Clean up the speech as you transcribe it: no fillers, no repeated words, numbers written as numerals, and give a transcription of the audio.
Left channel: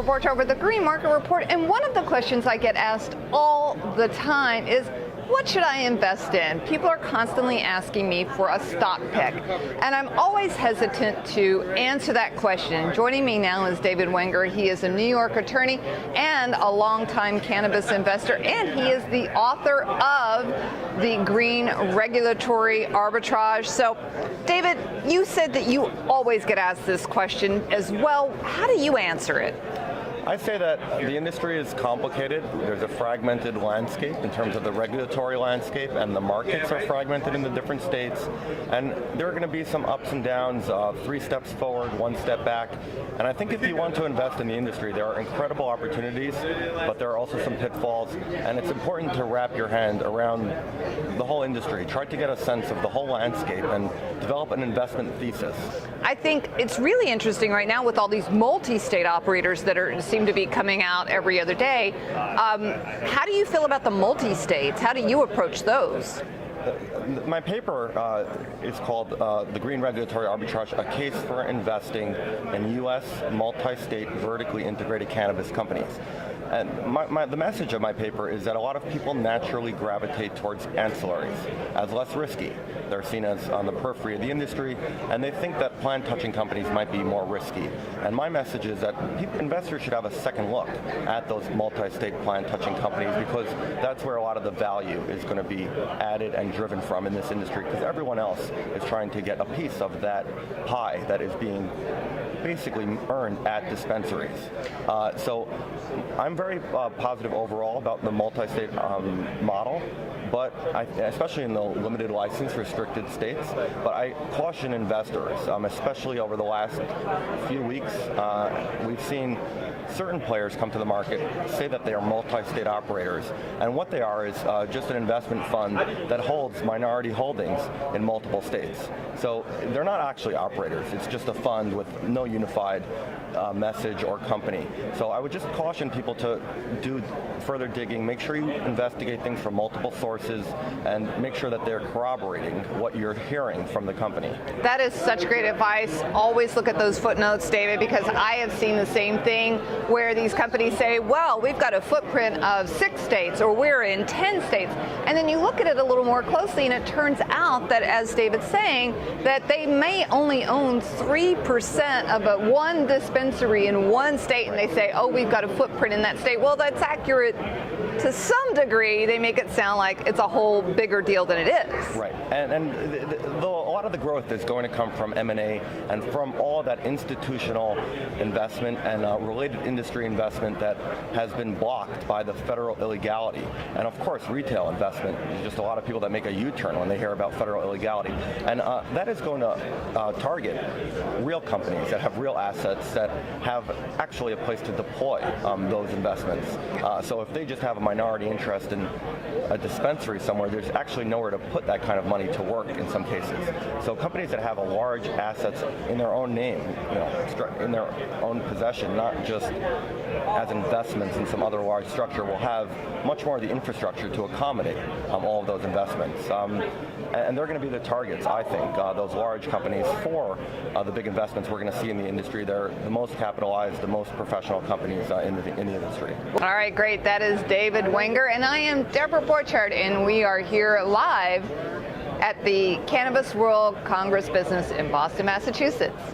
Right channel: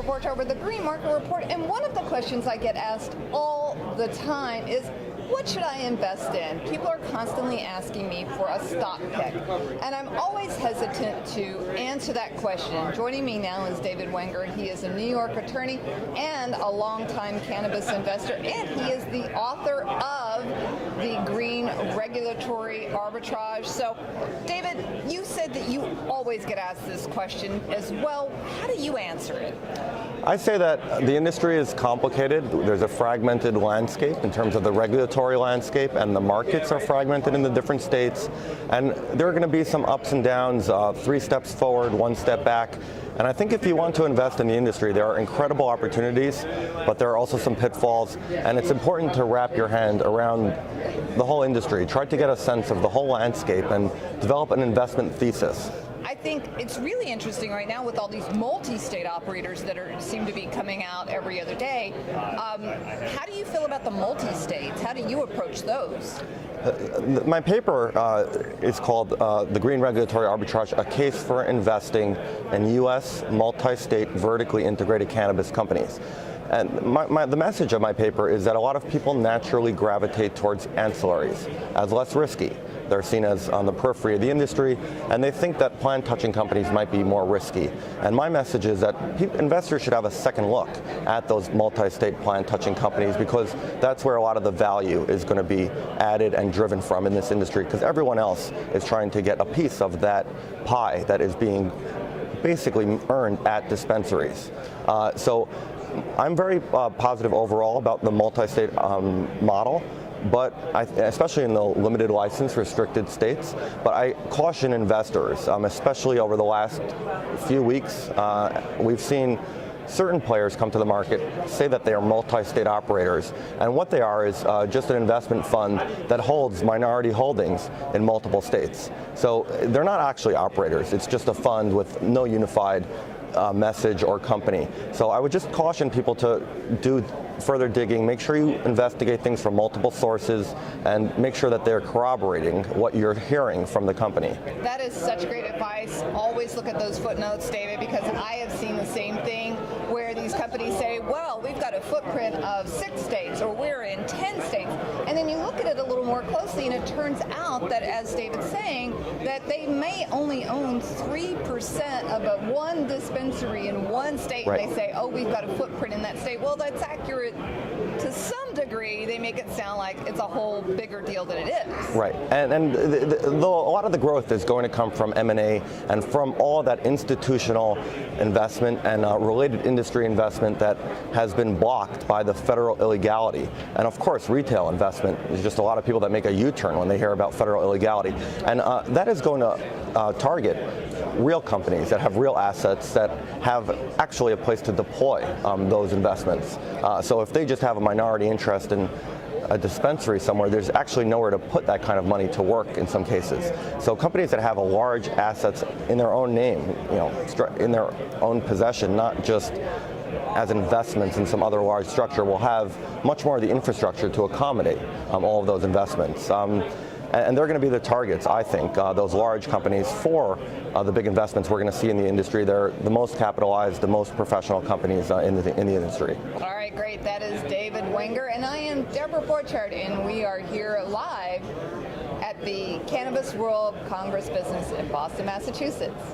Deborah Borchardt with the Green Market Report, and one of the questions I get asked all the time is, what should I invest in? People are constantly asking me for a stock pick, and I'm always hesitant to answer that question. Joining me now is David Wenger. He is a New York attorney and a longtime cannabis investor, and he is the author of the Green Regulatory Arbitrage. So, David, you said that you always get asked this question as well. How do you answer it? I say that the industry is complicated. There's a fragmented landscape in terms of the regulatory landscape, and the markets are fragmented in the different states. And there are going to be some ups and downs, 3 steps forward, 1 step back. And I think if you want to invest in the industry, there are incredible opportunities, but there are also some pitfalls. And it's important to wrap your hand around the whole industry. Try to get a sense of the whole landscape and develop an investment thesis. I think it's really interesting right now with all these multi-state operators that seem to be coming out every other day. How do you feel about the multi-states? How do you approach those? My paper is called The Green Regulatory Arbitrage, a case for investing in U.S. multi-state vertically integrated cannabis companies. And the message of my paper is that a lot of people naturally gravitate towards ancillaries as less risky. They're seen as on the periphery of the industry, and they think that plant-touching companies might be more risky. And my message is that investors should have a second look at those multi-state plant-touching companies, because that's where a lot of the value is going to be added and driven from in this industry, because everyone else is trying to get a piece of that pie that is being basically earned at dispensaries. So I'm very positive overall about the multi-state model, but especially in the limited license restricted states. But I caution investors, especially over the last few weeks, we've seen certain players come to the market, say that they are multi-state operators, and what they are is just an investment fund that holds minority holdings in multiple states. So they're not actually operators, it's just a fund with no unified message or company. So I would just caution people to do further digging, make sure you investigate things from multiple sources, and make sure that they're corroborating what you're hearing from the company. That is such great advice. Always look at those footnotes, David, because I have seen the same thing where these companies say, well, we've got a footprint of 6 states, or we're in 10 states. And then you look at it a little more closely, and it turns out that, as David's saying, that they may only own 3% of one dispensary in one state, right. And they say, oh, we've got a footprint in that state. Well, that's accurate to some degree. They make it sound like it's a whole bigger deal than it is. Right, and a lot of the growth is going to come from M&A and from all that institutional investment and related industry investment that has been blocked by the federal illegality. And of course, retail investment is just a lot of people that make a U-turn when they hear about federal illegality. And that is going to target real companies that have real assets that have actually a place to deploy those investments. So if they just have a minority interest in a dispensary somewhere, there's actually nowhere to put that kind of money to work in some cases. So companies that have a large assets in their own name, in their own possession, not just as investments in some other large structure, will have much more of the infrastructure to accommodate all of those investments. And they're going to be the targets, I think, those large companies for the big investments we're going to see in the industry. They're the most capitalized, the most professional companies in the industry. All right, great. That is David Wenger, and I am Deborah Borchardt, and we are here live at the Cannabis World Congress Business in Boston, Massachusetts.